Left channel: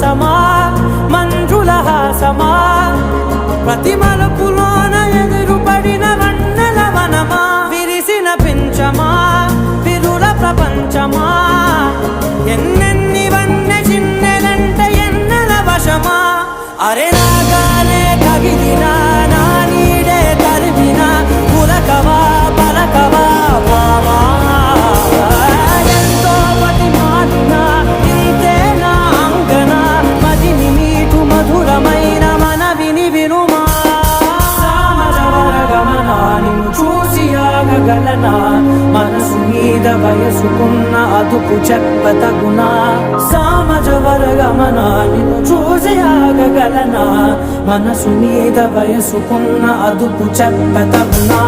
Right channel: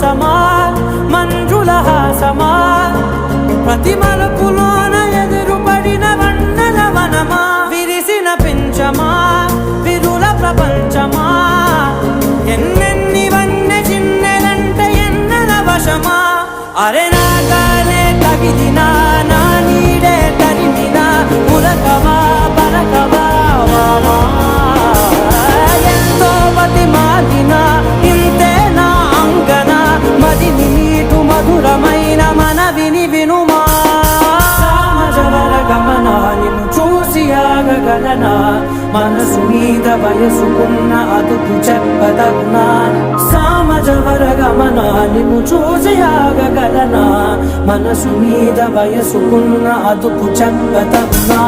సమా మంజుల హాసమా ప్రతి మలుపులోన ఎదురుపడిన వన్నెల వనమా విరిసిన పించమా విరుల ప్రపంచమా ఎన్నెన్ని వన్నె చిన్నెలంటే ఎన్నెల వశమా అరే నాగాలే తగిలినా నా నీడే తరిమినా ఉలకవా పలకవా వామా ఎంతో మది మాటినా ఇంతే నా అంకన మదిని నీటు మధురమైన మనవిని వినుమా సామజవర గమనా నిన్ను చూసి ఆగగలనా మనసు మీద వయసుకున్న అదుపు చెప్పదగునా సామజవర గమనా నిన్ను చూసి ఆగగలనా మనసు మీద వయసుకున్న అదుపు చెప్పదగునా